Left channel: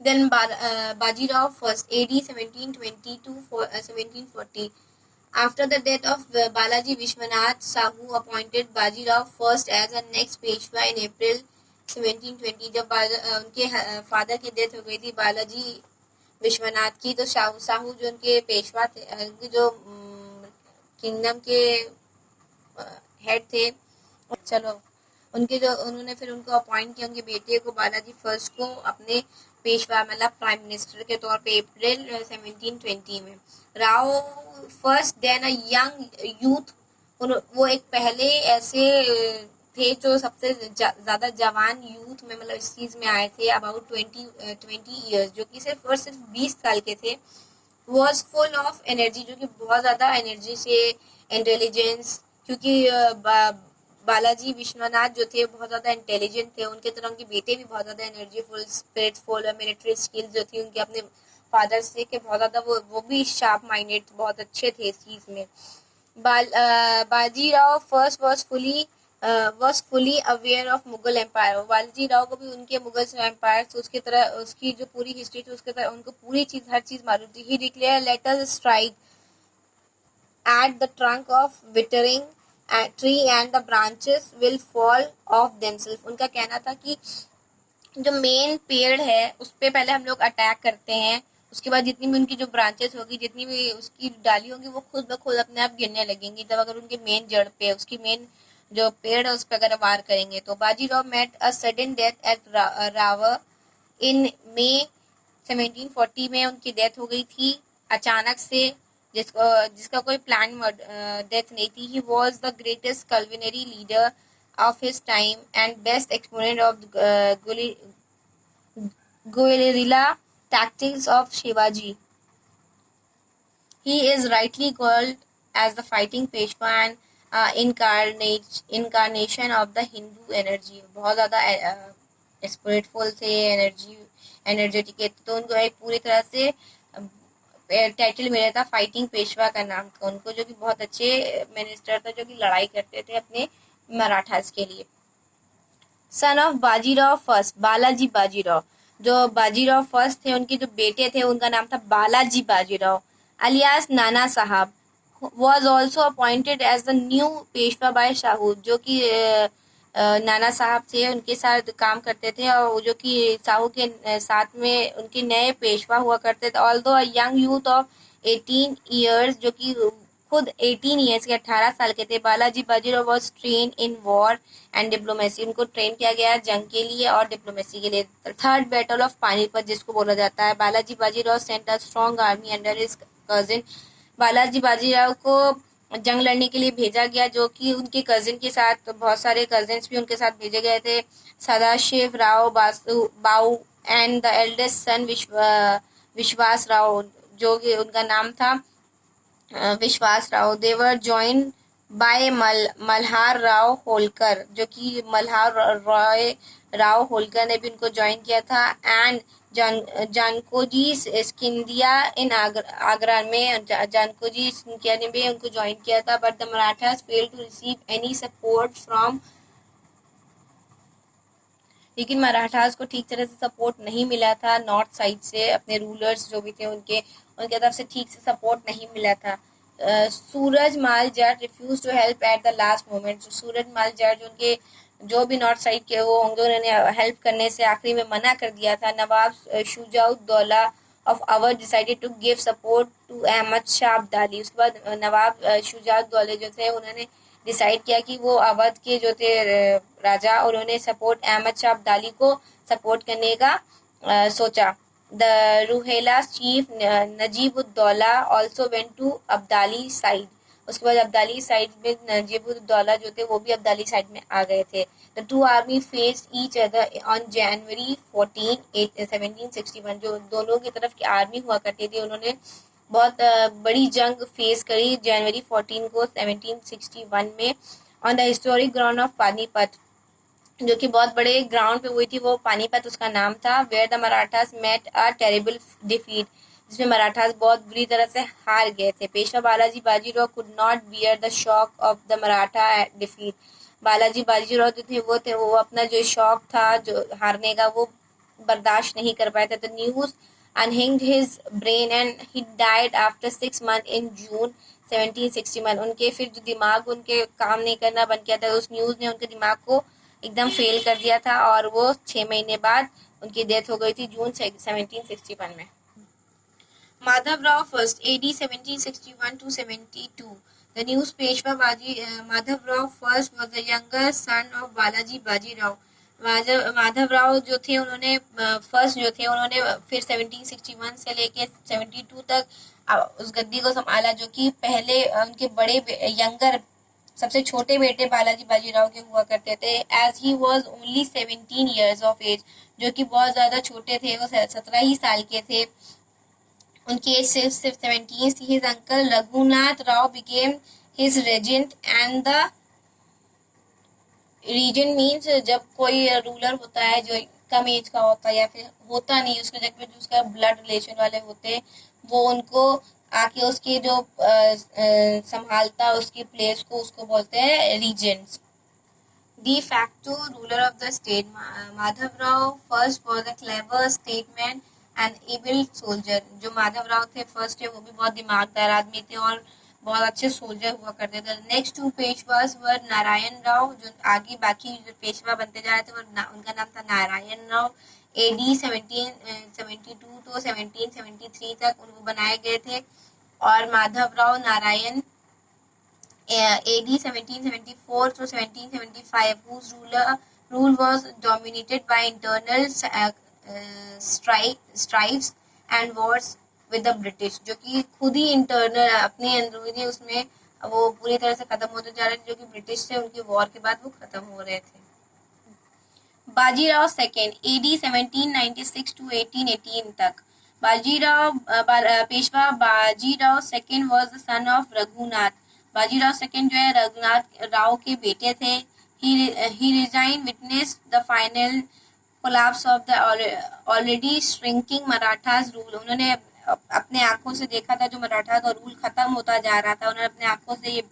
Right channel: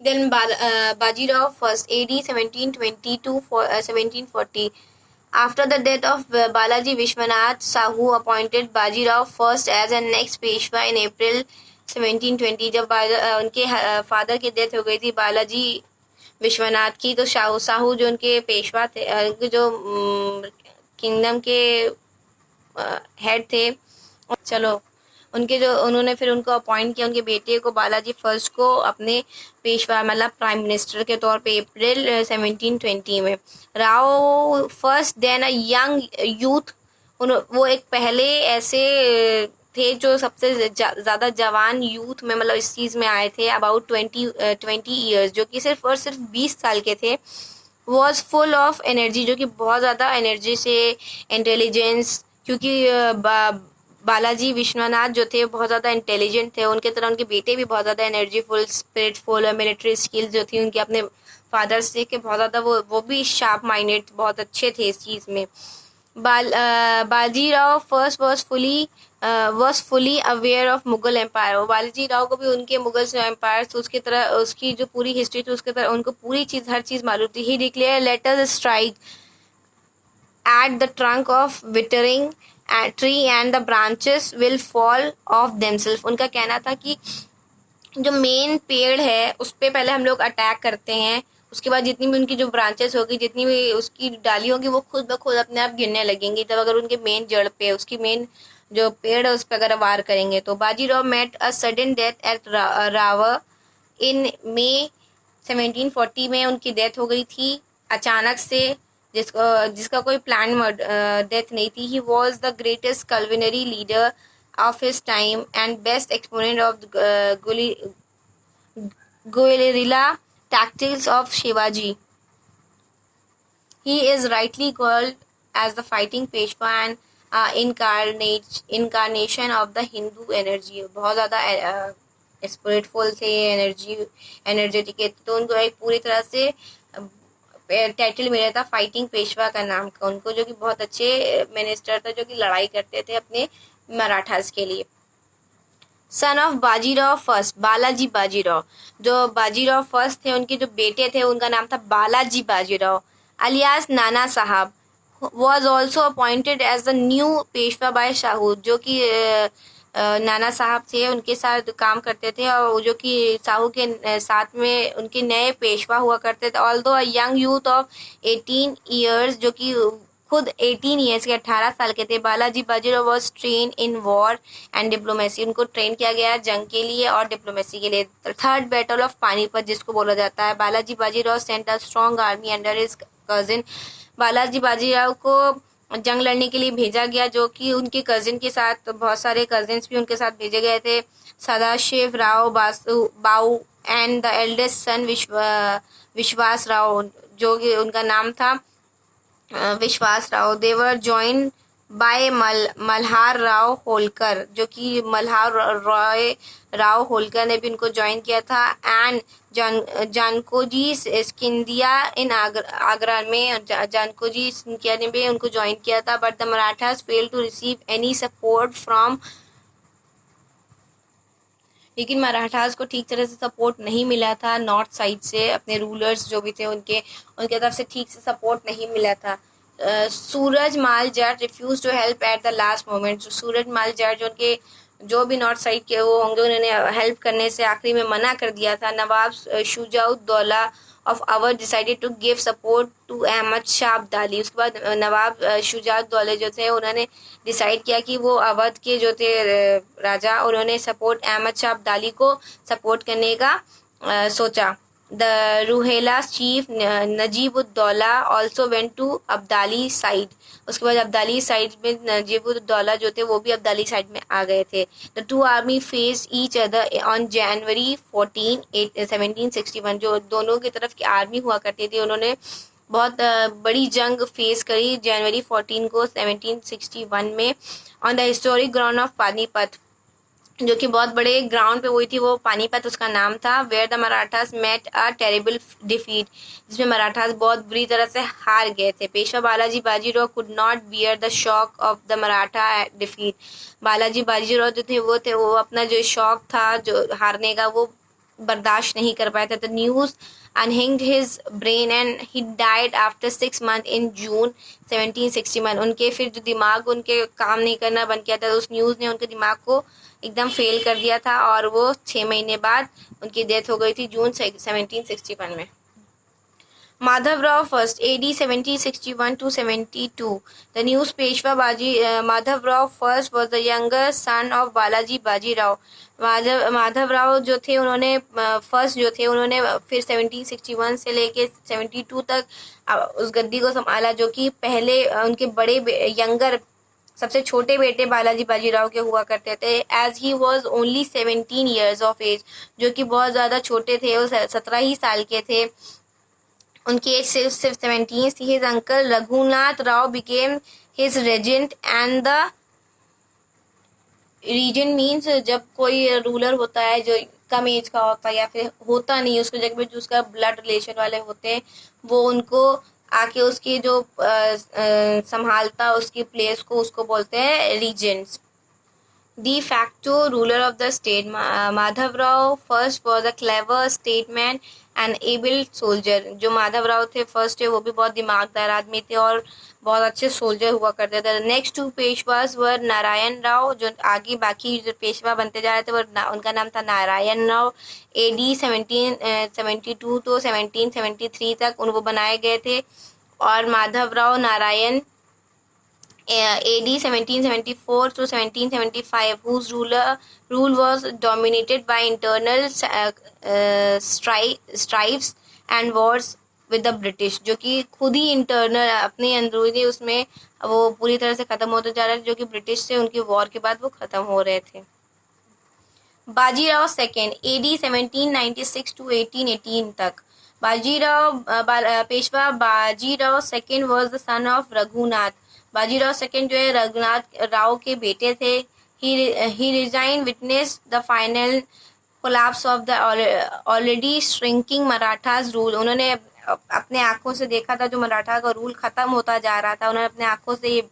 Then Bajirao first, AD 1720 to 1740. After the death of Balaji Vishwanath, Sahu appointed Bajirao first as the next Peshwa in April 1720. जब उनके father की death हो गई थी बालाजी विश्वनाथ की, तो साहू जो उनके पेशवा थे, जो किंगडम के हेड थे, चलो उनके जो उन्होंने फिर उनको अपॉइंट किया, उनके बेटे को बालाजी फर्स्ट को अपने पेशवा मतलब प्राइम मिनिस्टर के तौर पे अप्रैल 1720 में। Rao first then a young youth, वो एक पहले ऐसे थे जो सबसे ज़्यादा जवान यूथ में मतलब इस चीज़ में आए थे, अबाउट 20 ईयर्स, जो कि सिर्फ और सिर्फ 20 साल के थे। वॉज फुल ऑफ एनर्जी, जो कि बहुत ज़्यादा एनर्जी से, इंटेलिजेंस, क्योंकि बालाजी विश्वनाथ जो थे बहुत ज़्यादा इंटेलिजेंट थे, उनके तरह उनके बेटे भी बहुत ज़्यादा एनर्जीफुल, स्पिरिटफुल और मिलिट्री स्किल्स जो थी उनके अपने फादर से के बहुत ज़्यादा, वो भी शार्प माइंडेड, बहुत अच्छे थे इस चीज़ में। Bajirao first was fully aware of Mughal empire. और बालाजी राव को भी उनके मुगल एम्पायर तो उसकी तरह, उसकी जो पूरी हिस्ट्री थी उसके तरह उनको पूरी चीज़, हर चीज़ मालूम थी। He declare let us strike at the trunk of withering tree and the branches will fall off themselves। उनका कहना था कि जो मेन पेड़ है उस पर पहले हम लोग अटैक करते हैं, उसके बाद जितनी भी उनकी जो ब्रांचेस होगी, जितनी भी उसकी डाली होगी, वो खुद ब खुद अपने आप गिरने लगेंगी। तब अगर उनके मेन जड़ पे, उसकी मेन जो पेड़ है उस पर अगर वार करेंगे तो। Bajirao met a sudden death at Raver in May 1740 में उनकी डेथ हो गई थी अचानक से, जिसका कोई प्लान डेथ नहीं थी। He was the greatest cavalry leader of his time and best exponent of guerrilla tactics of Shivaji. He is rightly called as the fighting Peshwa and incarnation of the Hindu energy। बहुत ज़्यादा स्पिरिटफुल थे, energetic, तो उनको एक पूरी तरह से title मिला था फाइटिंग पेशवा का नाम का उनको, जो कि बहुत अच्छे मिनिस्टर थे, जो कि लड़ाई करते थे अपने मराठास के लिए। Son of Bajirao first, Balaji Bajirao, जो बाजीराव फर्स्ट थे उनके जो बेटे थे उनका नाम था Balaji Bajirao alias Nana Sahib. Was also appointed as the new Peshwa by Shahu, जो कि नाना साहब थे उनके साथ काम करते थे, और जो कि साहू के साथ में उनके नए पेशवा हुआ करते थे। Although a young youth of 18 years, जो कि खुद 18 ईयर्स के, 18 साल के थे। Balaji Bajirao was train in war and diplomacy, उनको ट्रेन किया गया जंग के लिए और डिप्लोमेसी के लिए। थर्ड बैटल ऑफ पानीपत जिसको बोला जाता है, Balaji Bajirao sent a strong army under his cousin. Balaji Bajirao को जंग लड़ने के लिए भेजा गया, जो कि उनके कजिन के साथ, बहुत सारे कजिन्स भी उनके साथ भेजे गए थे। सदाशिव राव बाऊ एंड द एल्डेस्ट सन विश्वास राव, जो कि उनका नाम था विश्वास राव। देवर ज्वाइन बाय मल्हार राव होलकर, जो कि मल्हार राव होलकर ने भी उनको ज्वाइन किया था। एंड जानकोजी सिंधिया इन आगरा में, जानकोजी सिंधिया ने भी उनको ज्वाइन किया था। But the Marathas fail to receive any support from, लेकिन मराठास को ठीक तरह से सपोर्ट नहीं मिला था नॉर्थ साइड से, अपने रूलर्स जो भी थे उनके तरफ से ठीक से सपोर्ट नहीं मिला था। Suraj Mal Jat refuse to help at the last moment, Suraj Mal Jat जो उनके जो भी नॉर्थ साइड के वो होंगे, उन्होंने हेल्प करने से आखिरी में मना कर दिया था। Nawab Shujauddaula of Awadh decided to give support to Ahmad Shah Abdali, उसके बाद नवाब शुजाउद्दौला जो थे उन्होंने डिसाइड किया कि वो अवध के जो थे राजा, उन्होंने सपोर्ट अहमद शाह अब्दाली को सपोर्ट करने का सोचा। The Rohilla chief Najib-ud-Daula also went to Abdali side, उसके बाद अब्दाली साइड में नजीबुद्दौला जो थे वो भी अब्दाली साइड में आ गए थे। The two army face each other on January 14, 1761, जो दोनों की तरफ की आर्मी हुआ करती थी, उन्होंने बहुत बड़ी जंग फेस करी जनवरी 14 को 1761 में on the historic ground of Panipat, जो कि बहुत बड़े ग्राउंड पे हुई थी, वो पानीपत उसका नाम था। Where the Marathas met a terrible defeat, जिसमें मराठास बहुत बुरी तरह से हार गए थे। Peshwa Balaji Bajirao could not bear the shock of the Maratha defeat, Balaji Bajirao जो थे वो अपना जो शॉक था जो हारने का, वो बर्दाश्त नहीं कर पाया था। The news unhinged his brain and he died after 6 months in June 1761। उनके फिर जो दिमाग उनके काम नहीं करना बंद किया था, उस न्यूज़ ने उनके दिमाग को एकदम फेल कर दिया था और वो 6 महीने बाद उनकी डेथ हो गई थी जून 1761 में। Madhavrao first, AD 1761 to 72. The news Peshwa Madhavrao first was the younger son of Balaji Baji Rao. Madhavrao जो थे उन्होंने फर्स्ट जो थे उन्होंने फिर 1761 से लेके 72 तक उस गद्दी को संभाला, जो कि पहले उनके बड़े यंगर सबसे छोटे बेटे बालाजी बाजीराव के हुआ करते थे। As he was only 17 years of age, जो कि बहुत ज़्यादा छोटे थे, वो 17 ही साल के थे, उनकी एज सिर्फ 17 थी। His uncle Raghunath Rao became his regent and the reason means जब कोई रूलर होता है जो कम एज का होता है या फिर होता नहीं, उसके जगह पे जो उसका ब्लड रिलेशन वाले होते हैं वो उनको आके उसकी जो संभालता उसकी प्लेस को उसको बोलते हैं Regents. De facto ruler of the state, Madhavrao first was a clever statesman and able soldier। जो माधवराव थे फर्स्ट है वो भी बहुत दिमागदार आदमी थे और बहुत अच्छे सोल्जर हुआ करते थे। नेक्स्ट टू पेशवास वर नारायण राव, जो आगे बाकी जो पेशवा बनते जा रहे थे वो उनका नाम था नारायण राव। AD 1772 तो 1773 तक उनको बनाए गए थे। और Madhavrao Narayan AD 1774 to 1775, whose rule was dominated by internal strifes and wars with the British, जो कि खुद ही इंटरनल अपनी अंदरूनी उसमें वो पूरी तरह से खत्म होते जा रहे थे, जो कि ब्रिटिश से उनकी वॉर के बाद वो खत्म हो रहे थे। बाजीराव सेकेंड, AD 1796 to 1818 तक। Bajirao Peshwa Bajirao second was the son of Raghunath. Bajirao second जो है रघुनाथ राव के बेटे थे। He resign witness the final collapse of the already shrinking Marathas rule. उन्होंने अपने आंखों से देखा था जो मराठा का रूल खत्म होता जा रहा था, उन्होंने अपने आंखों से ये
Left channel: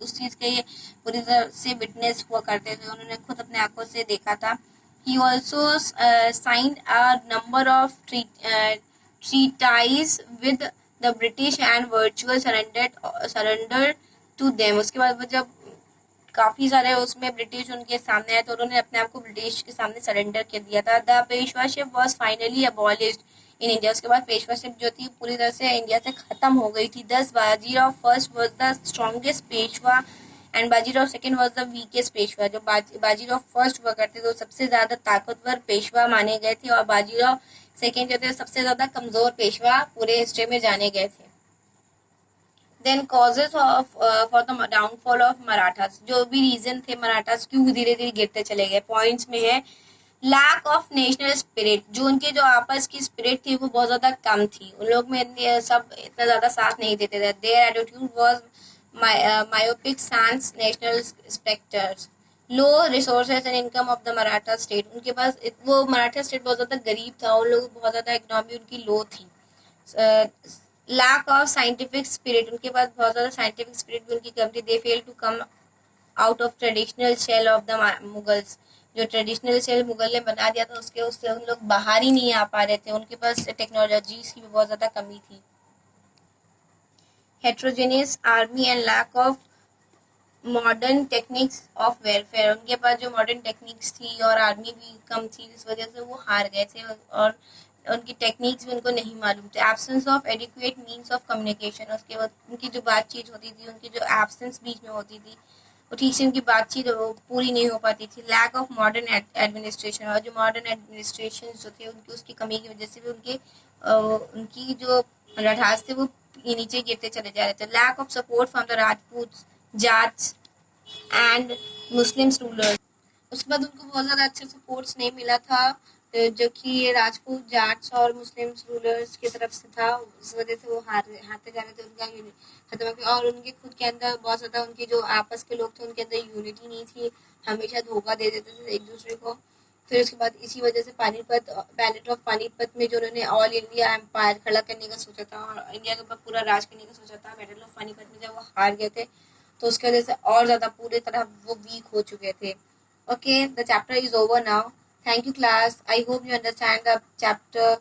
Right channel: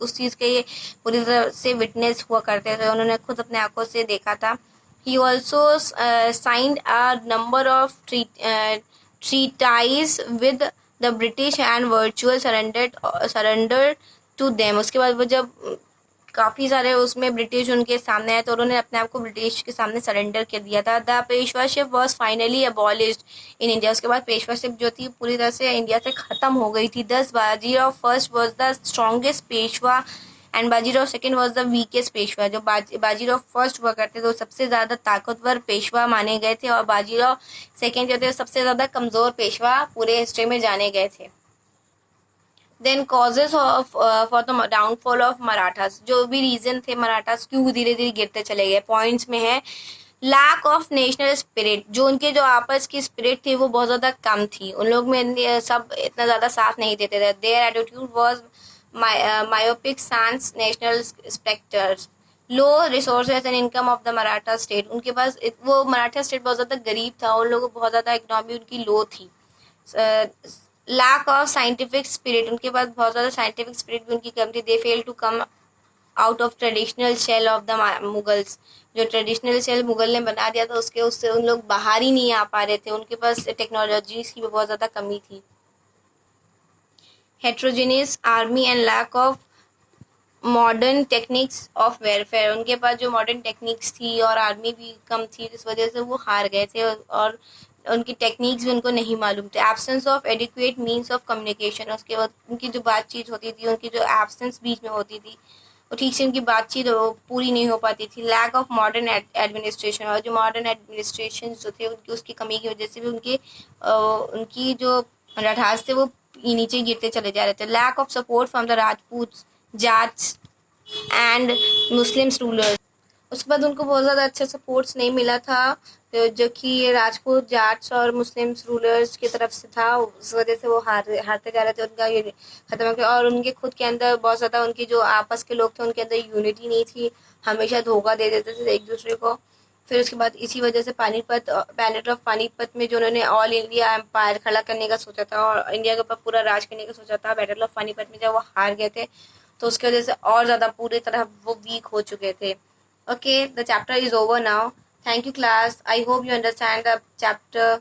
उस चीज़ के ये पूरी तरह से विटनेस हुआ करते थे, उन्होंने खुद अपने आंखों से देखा था। He also signed a number of treaties with the British and virtual surrendered to them। उसके बाद वो जब काफ़ी सारे उसमें ब्रिटिश उनके सामने आए तो उन्होंने अपने आप को ब्रिटिश के सामने सरेंडर कर दिया था। The Peshwaship was finally abolished in India. उसके बाद पेशवाशिप जो थी पूरी तरह से इंडिया से ख़त्म हो गई थी। दस Bajirao first was the strongest Peshwa and Bajirao second was the weakest Peshwa. जो बाजीराव फर्स्ट हुआ करते थे वो सबसे ज़्यादा ताकतवर पेशवा माने गए थे और बाजीराव सेकेंड जो थे सबसे ज़्यादा कमज़ोर पेशवा पूरे हिस्ट्री में जाने गए थे। Then causes for the downfall of Marathas, जो भी रीज़न थे मराठास क्यों धीरे धीरे गिरते चले गए, पॉइंट्स में है लैक ऑफ नेशनल स्पिरिट। जो उनके जो आपस की स्पिरिट थी वो बहुत ज़्यादा कम थी, उन लोग में सब इतना ज़्यादा साथ नहीं देते थे। Their attitude was myopic sans national specters, low resources and income of the Maratha state. उनके पास वो मराठा स्टेट बहुत ज़्यादा गरीब था, उन लोगों को बहुत ज़्यादा इकनॉमी उनकी लो थी। लैक ऑफ साइंटिफिक स्पिरिट, उनके पास बहुत ज़्यादा साइंटिफिक स्पिरिट भी उनकी कम थी। They fail to come out of traditional shell of the Mughals. जो ट्रेडिशनल शेल मुगल ने बना दिया था उससे उन लोग बाहर ही नहीं आ पा रहे थे, उनके पास टेक्नोलॉजीज की बहुत ज़्यादा कमी थी। heterogeneous army and lack of modern techniques of warfare, उनके पास जो मॉडर्न टेक्निक्स थी और आर्मी भी कम थी जिस वजह से वो हार गए थे और उनकी टेक्निक्स भी उनको नहीं मालूम थे। Absence of adequate means of communication, उसके बाद उनकी जो बातचीत होती थी उनकी जो एब्सेंस बीच में होती थी वो ठीक से उनकी बातचीत पूरी नहीं हो पाती थी। लैक ऑफ मॉडर्न एडमिनिस्ट्रेशन, और जो मॉडर्न एडमिनिस्ट्रेशन जो थे उनकी उसकी कमी की वजह से भी उनकी जो राठास थे वो नीचे गिरते चले जा रहे थे। Lack of support from the Rajput Jats and Muslims rulers, उसके बाद उनको बहुत ज़्यादा अच्छा सपोर्ट्स नहीं मिला था जो कि राजपूत जाट्स और मुस्लिम्स रूलर्स की तरफ से था, उस वजह से वो हारते जा रहे थे, उनका ये खत्म हो गया। और उनके खुद के अंदर बहुत ज़्यादा उनकी जो आपस के लोग थे उनके अंदर यूनिटी नहीं थी, हमेशा धोखा दे देते थे एक दूसरे को। फिर उसके बाद इसी वजह से बैटल ऑफ पानीपत में जो उन्होंने ऑल इंडिया एम्पायर खड़ा करने का सोचा था और इंडिया के ऊपर पूरा राज करने का सोचा था, बैटल ऑफ पानीपत में जब वो हार गए थे तो उसकी वजह से और ज़्यादा पूरी तरह वो वीक हो चुके थे। Okay, the chapter is over now. Thank you, class. I hope you understand the chapter.